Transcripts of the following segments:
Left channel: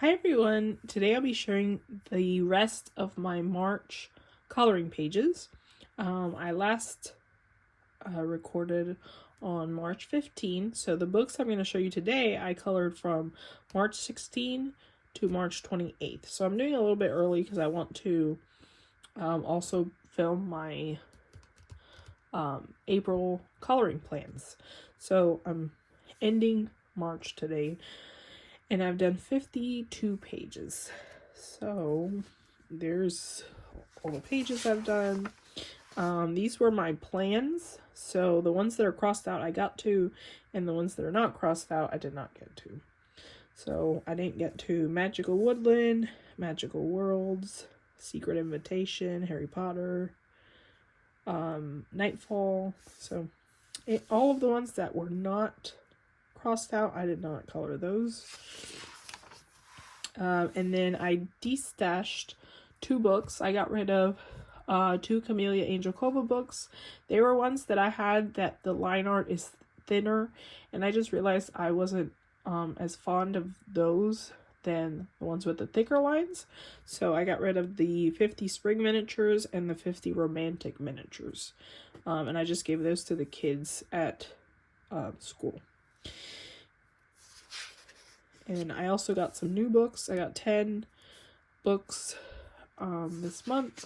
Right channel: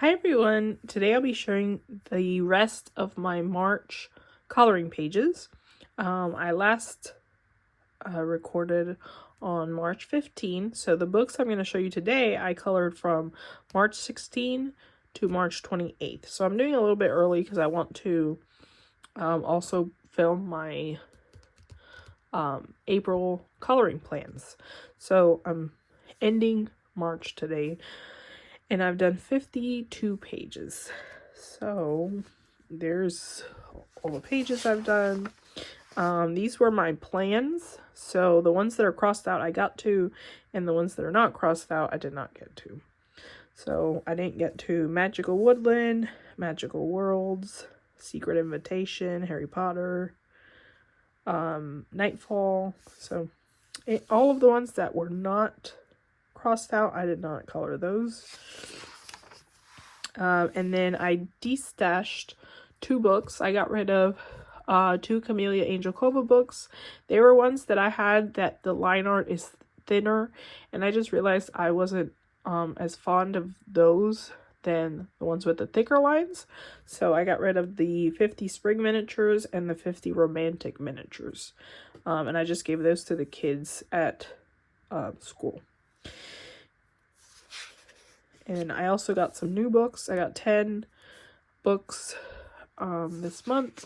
Hi everyone, today I'll be sharing the rest of my March coloring pages. I last recorded on March 15, so the books I'm going to show you today I colored from March 16 to March 28th. So I'm doing a little bit early because I want to also film my April coloring plans. So I'm ending March today. And I've done 52 pages. So there's all the pages I've done. These were my plans. So the ones that are crossed out I got to, and the ones that are not crossed out I did not get to. So I didn't get to Magical Woodland, Magical Worlds, Secret Invitation, Harry Potter, Nightfall. So all of the ones that were not crossed out, I did not color those. And then I destashed 2 books. I got rid of 2 Camellia Angel Cova books. They were ones that I had that the line art is thinner, and I just realized I wasn't as fond of those than the ones with the thicker lines. So I got rid of the 50 spring miniatures and the 50 romantic miniatures. And I just gave those to the kids at school. And I also got some new books. I got 10 books this month.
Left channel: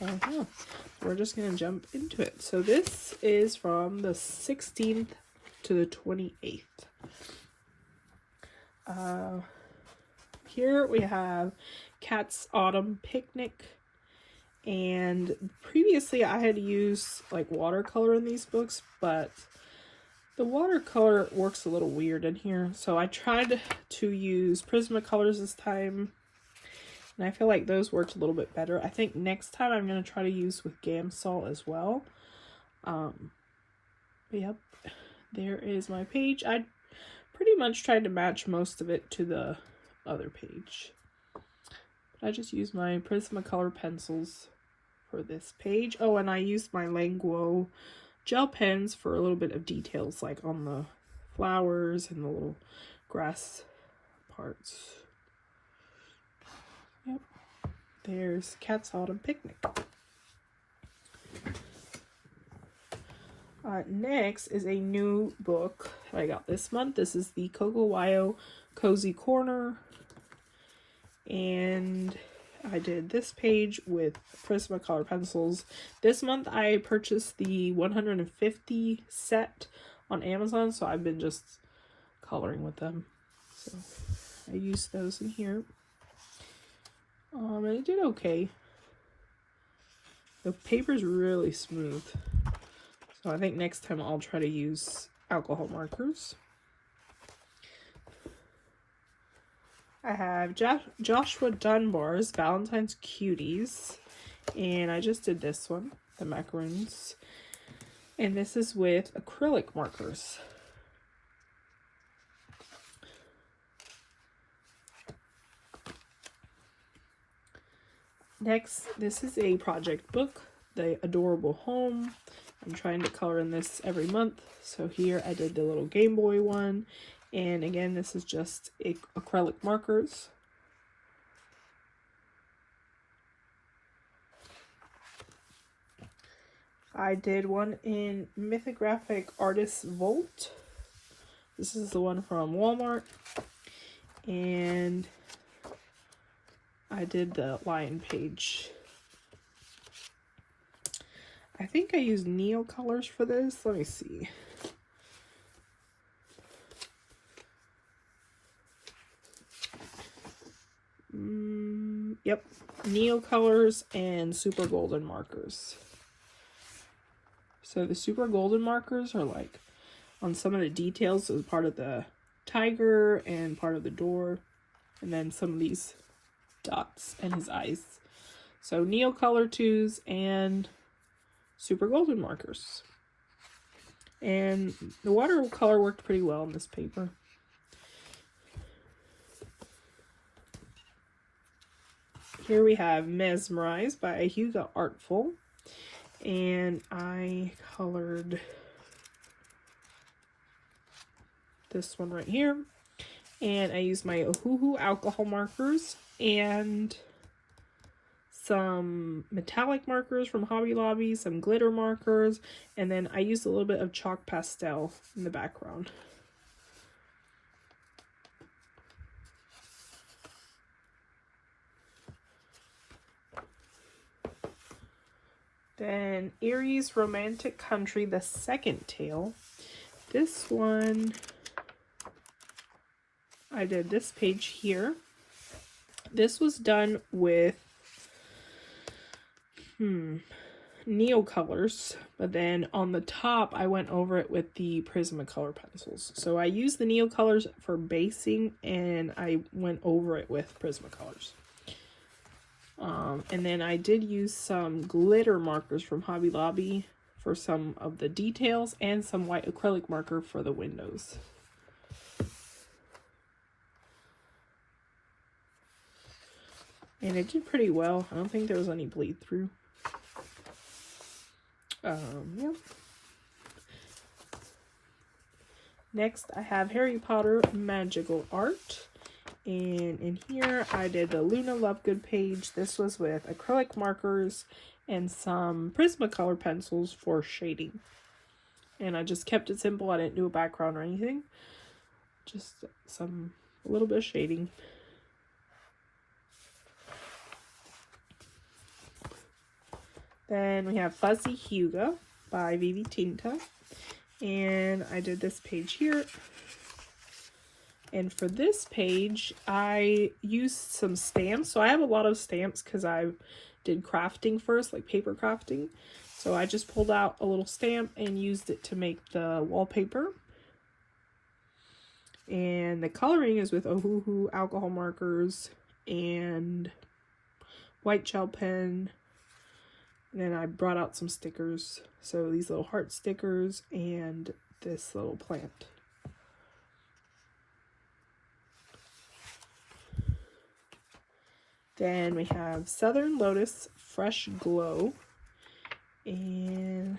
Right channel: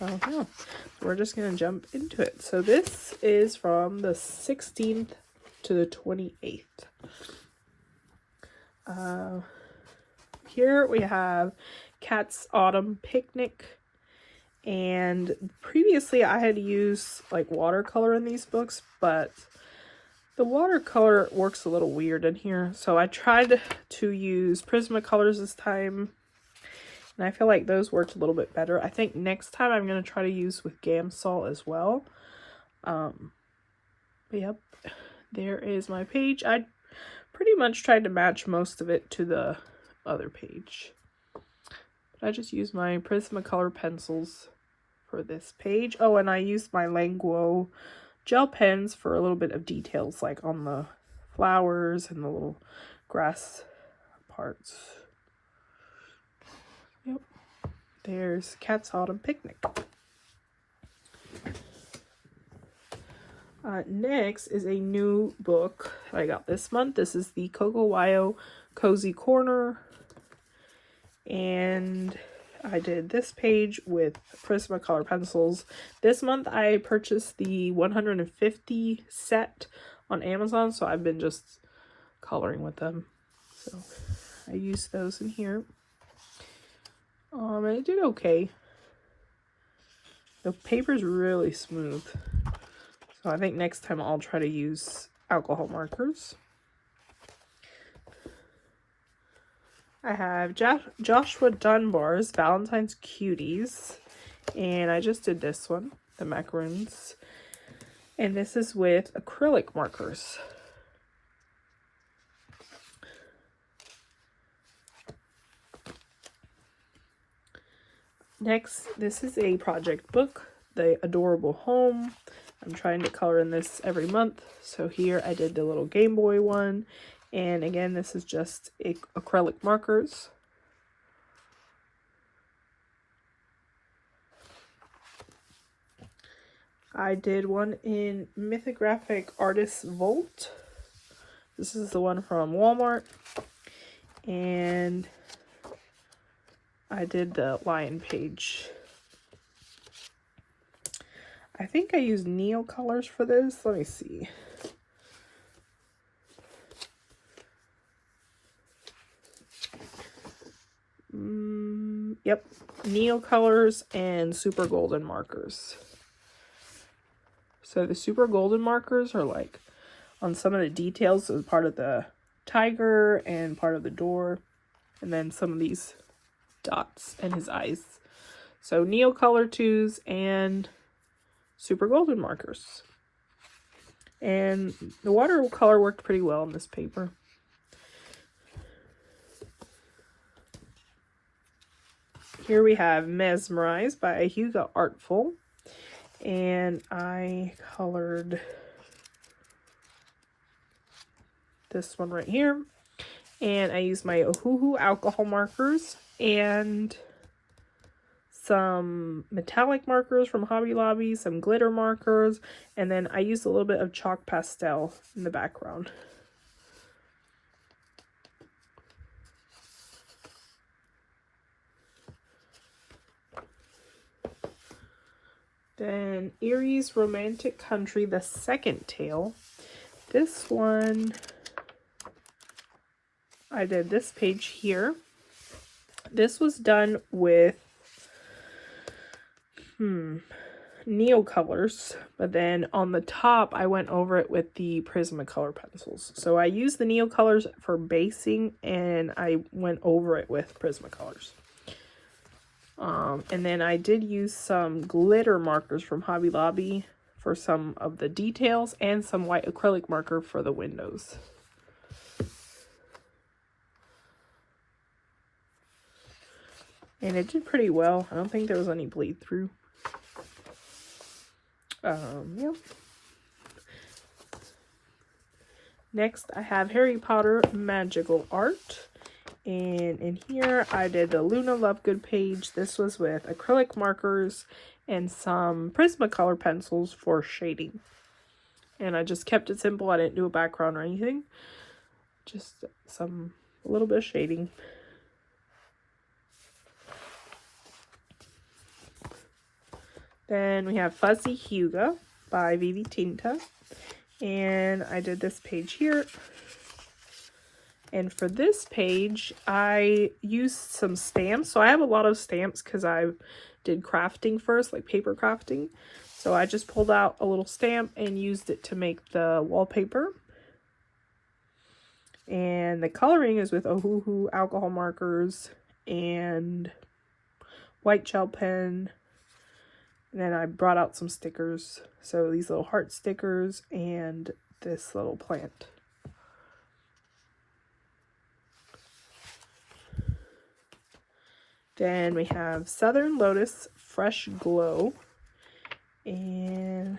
Yeah, we're just going to jump into it. So this is from the 16th to the 28th. Here we have Cat's Autumn Picnic. And previously I had used like watercolor in these books, but the watercolor works a little weird in here, so I tried to use Prismacolors this time, and I feel like those worked a little bit better. I think next time I'm going to try to use with Gamsol as well. But yep, there is my page. I pretty much tried to match most of it to the other page. I just used my Prismacolor pencils for this page. Oh, and I used my Languo gel pens for a little bit of details, like on the flowers and the little grass parts. Yep, there's Cat's Autumn Picnic. Next is a new book I got this month. This is the Cocowayo Cozy Corner, and I did this page with Prismacolor pencils. This month I purchased the 150 set on Amazon, so I've been just coloring with them. So I used those in here. And it did okay. The paper's really smooth. So I think next time I'll try to use alcohol markers. I have Joshua Dunbar's Valentine's Cuties, and I just did this one, the macaroons, and this is with acrylic markers. Next, this is a project book, The Adorable Home. I'm trying to color in this every month, so here I did the little Game Boy one. And again, this is just acrylic markers. I did one in Mythographic Artist Vault. This is the one from Walmart. And I did the lion page. I think I used Neo colors for this. Let me see. Yep, Neo colors and super golden markers. So the super golden markers are like on some of the details, so part of the tiger and part of the door, and then some of these dots and his eyes. So Neo color 2s and super golden markers. And the watercolor worked pretty well on this paper. Here we have Mesmerized by Hugo Artful, and I colored this one right here, And I used my Ohuhu alcohol markers and some metallic markers from Hobby Lobby, some glitter markers, and then I used a little bit of chalk pastel in the background. Then Erie's Romantic Country, the second tale. This one, I did this page here. This was done with Neocolors, but then on the top I went over it with the Prismacolor pencils. So I used the Neocolors for basing and I went over it with Prismacolors. And then I did use some glitter markers from Hobby Lobby for some of the details and some white acrylic marker for the windows. And it did pretty well. I don't think there was any bleed through. Yep. Next, I have Harry Potter Magical Art. And in here, I did the Luna Lovegood page. This was with acrylic markers and some Prismacolor pencils for shading. And I just kept it simple. I didn't do a background or anything. Just a little bit of shading. Then we have Fuzzy Huga by Vivi Tinta. And I did this page here. And for this page, I used some stamps. So I have a lot of stamps because I did crafting first, like paper crafting. So I just pulled out a little stamp and used it to make the wallpaper. And the coloring is with Ohuhu alcohol markers and white gel pen. And then I brought out some stickers. So these little heart stickers and this little plant. Then we have Southern Lotus Fresh Glow. And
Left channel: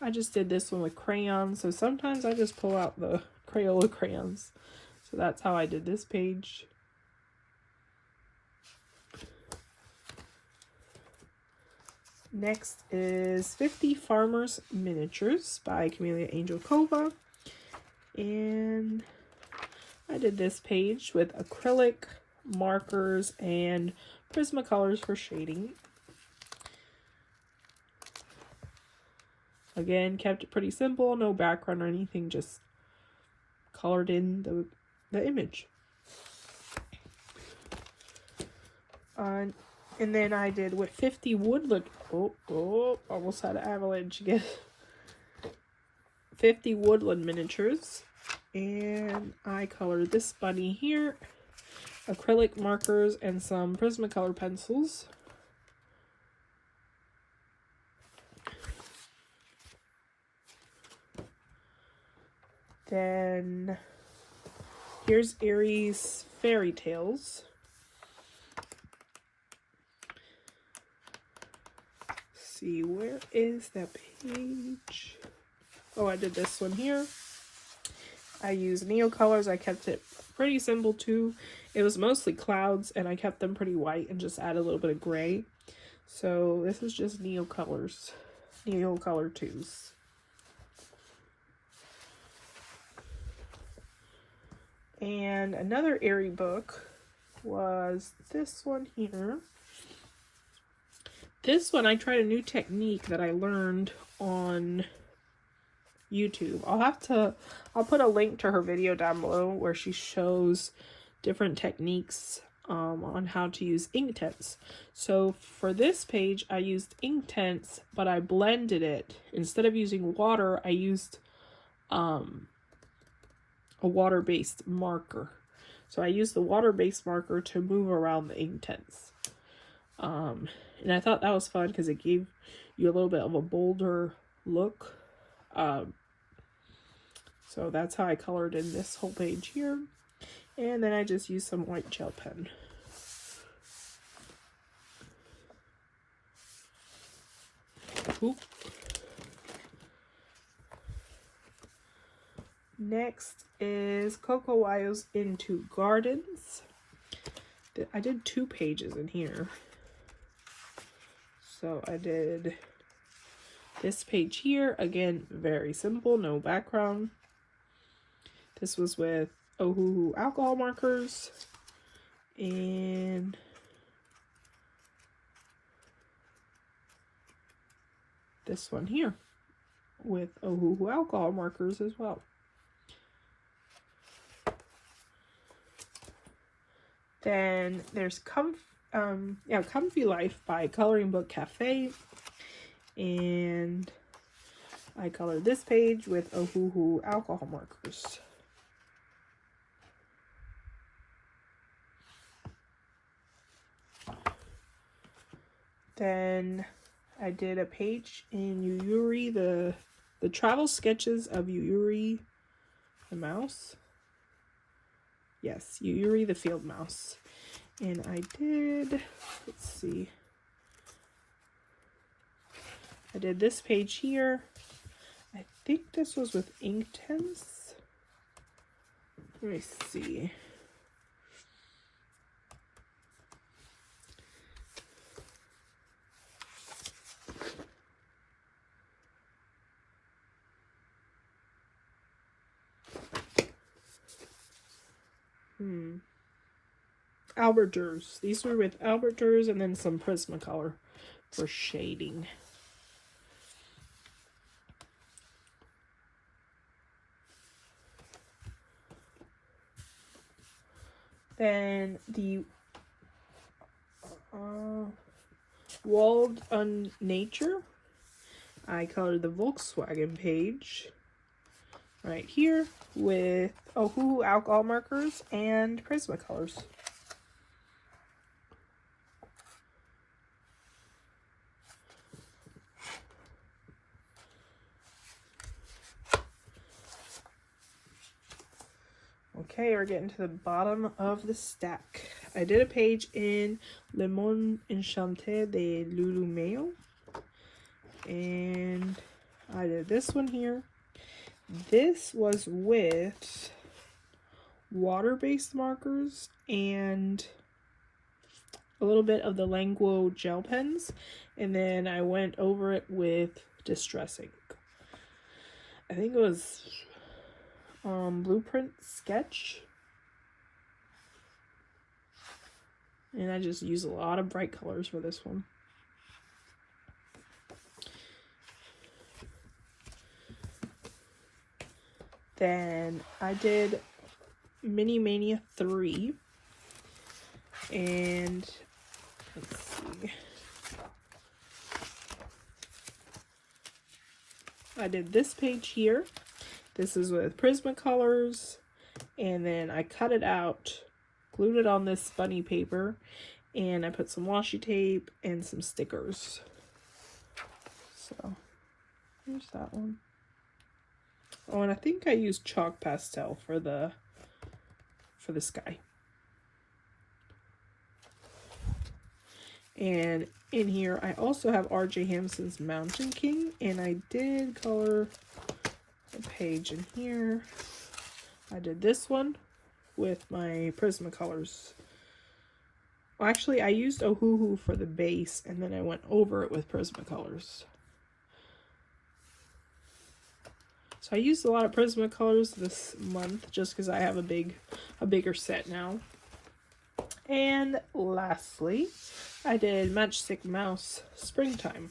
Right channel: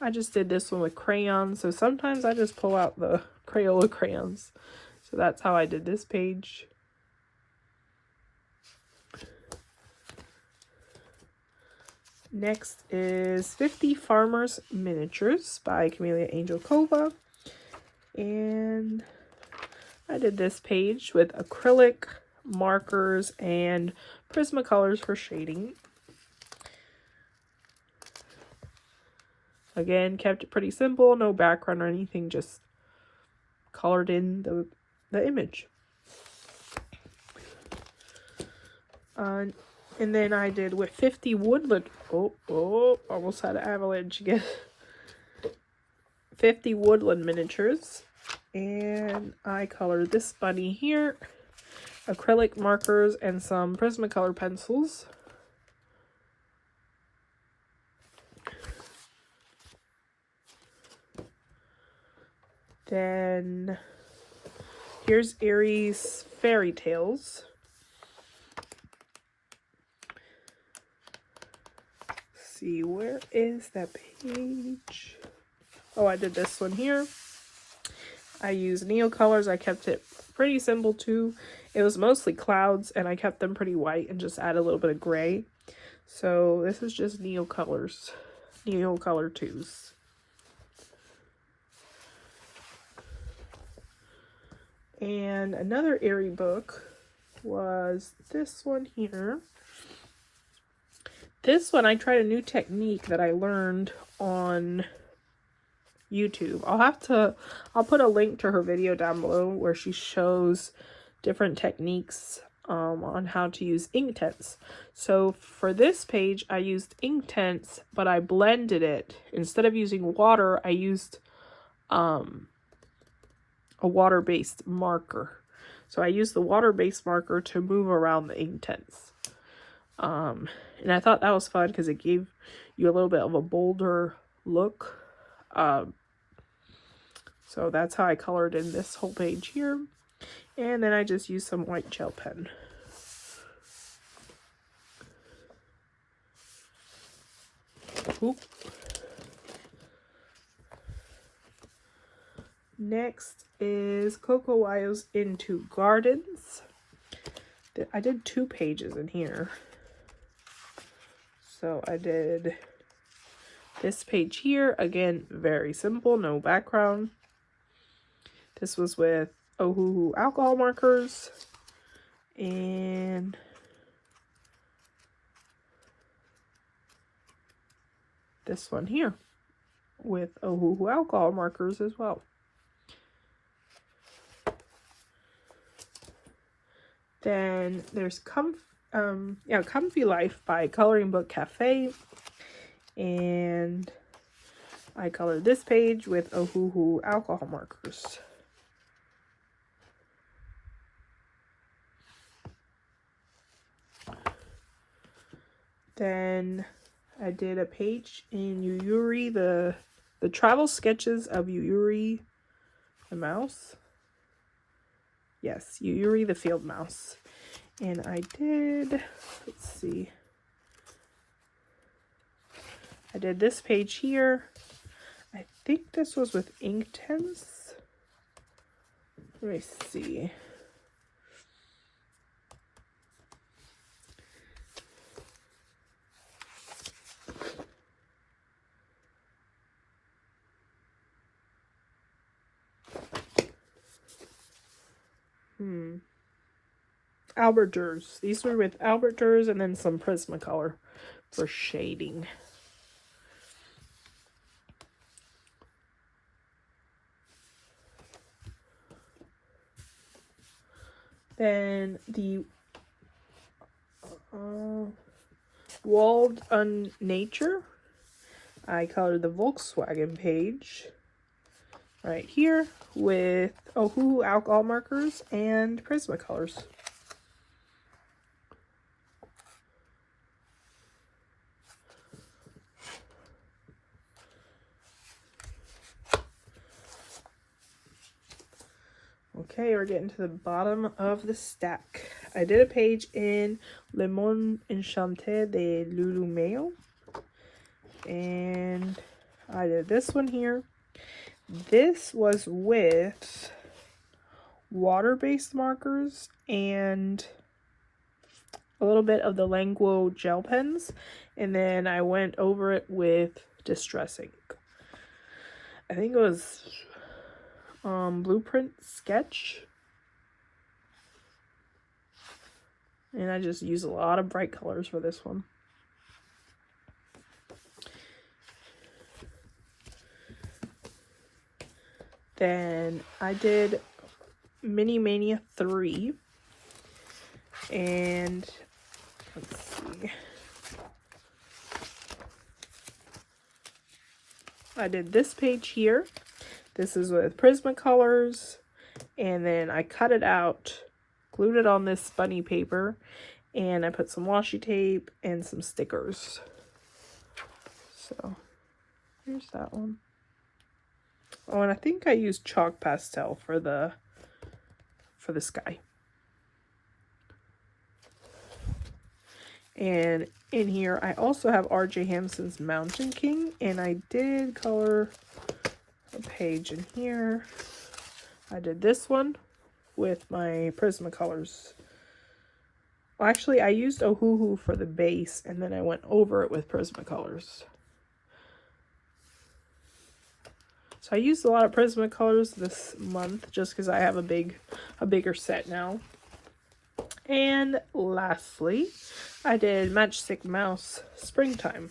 I just did this one with crayons. So sometimes I just pull out the Crayola crayons. So that's how I did this page. Next is 50 Farmers Miniatures by Camellia Angelkova. And I did this page with acrylic markers and Prismacolors for shading. Again, kept it pretty simple, no background or anything, just colored in the image. And then I did with 50 Woodland, almost had an avalanche again. 50 Woodland Miniatures. And I colored this bunny here, acrylic markers, and some Prismacolor pencils. Then here's Erie's Fairy Tales. Let's see, where is that page? Oh, I did this one here. I used Neocolors. I kept it pretty simple too. It was mostly clouds and I kept them pretty white and just add a little bit of gray. So this is just Neocolors, Neocolor 2s. And another Erie book was this one here. This one I tried a new technique that I learned on YouTube. I'll put a link to her video down below where she shows different techniques on how to use inktense. So for this page I used inktense, but I blended it. Instead of using water, I used a water-based marker. So I used the water-based marker to move around the inktense. And I thought that was fun because it gave you a little bit of a bolder look. So that's how I colored in this whole page here. And then I just used some white gel pen. Next is Coco Wyo's Into Gardens. I did 2 pages in here. So I did this page here. Again, very simple, no background. This was with Ohuhu alcohol markers. And this one here with Ohuhu alcohol markers as well. Then there's Comfy Life by Coloring Book Cafe, and I colored this page with Ohuhu alcohol markers. Then I did a page in Yuyuri, the travel sketches of Yuyuri the mouse. Yes, Yuyuri the field mouse. And I did, let's see, I did this page here. I think this was with Inktense. Let me see. Albert Durs. These were with Albert Durs and then some Prismacolor for shading. Then the Walled on Nature. I colored the Volkswagen page right here with Ohuhu alcohol markers and Prismacolors. Okay, we're getting to the bottom of the stack. I did a page in Le Monde Enchanté de Lulumeo. And I did this one here. This was with water-based markers and a little bit of the Languo gel pens. And then I went over it with Distress ink. I think it was Blueprint Sketch. And I just use a lot of bright colors for this one. Then I did Mini Mania 3. And let's see. I did this page here. This is with Prismacolors, and then I cut it out, glued it on this bunny paper, and I put some washi tape and some stickers. So here's that one. Oh, and I think I used chalk pastel for the sky. And in here I also have R.J. Hampson's Mountain King, and I did color a page in here. I did this one with my Prismacolors. Well, actually, I used Ohuhu for the base, and then I went over it with Prismacolors. So I used a lot of Prismacolors this month, just because I have a bigger set now. And lastly, I did Matchstick Mouse Springtime.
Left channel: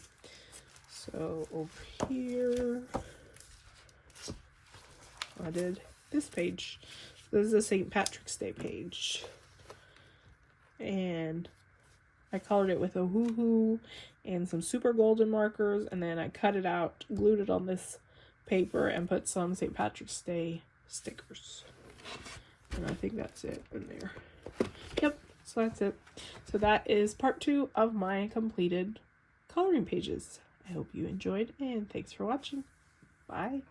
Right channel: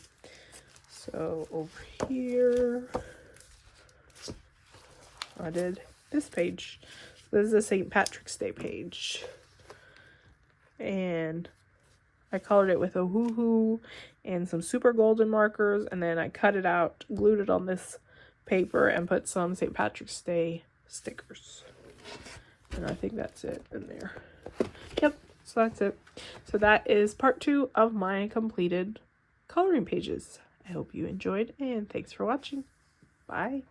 So over here, I did this page. This is a St. Patrick's Day page. And I colored it with Ohuhu and some super golden markers, and then I cut it out, glued it on this paper, and put some St. Patrick's Day stickers. And I think that's it in there. Yep, so that's it. So that is part 2 of my completed coloring pages. I hope you enjoyed, and thanks for watching. Bye.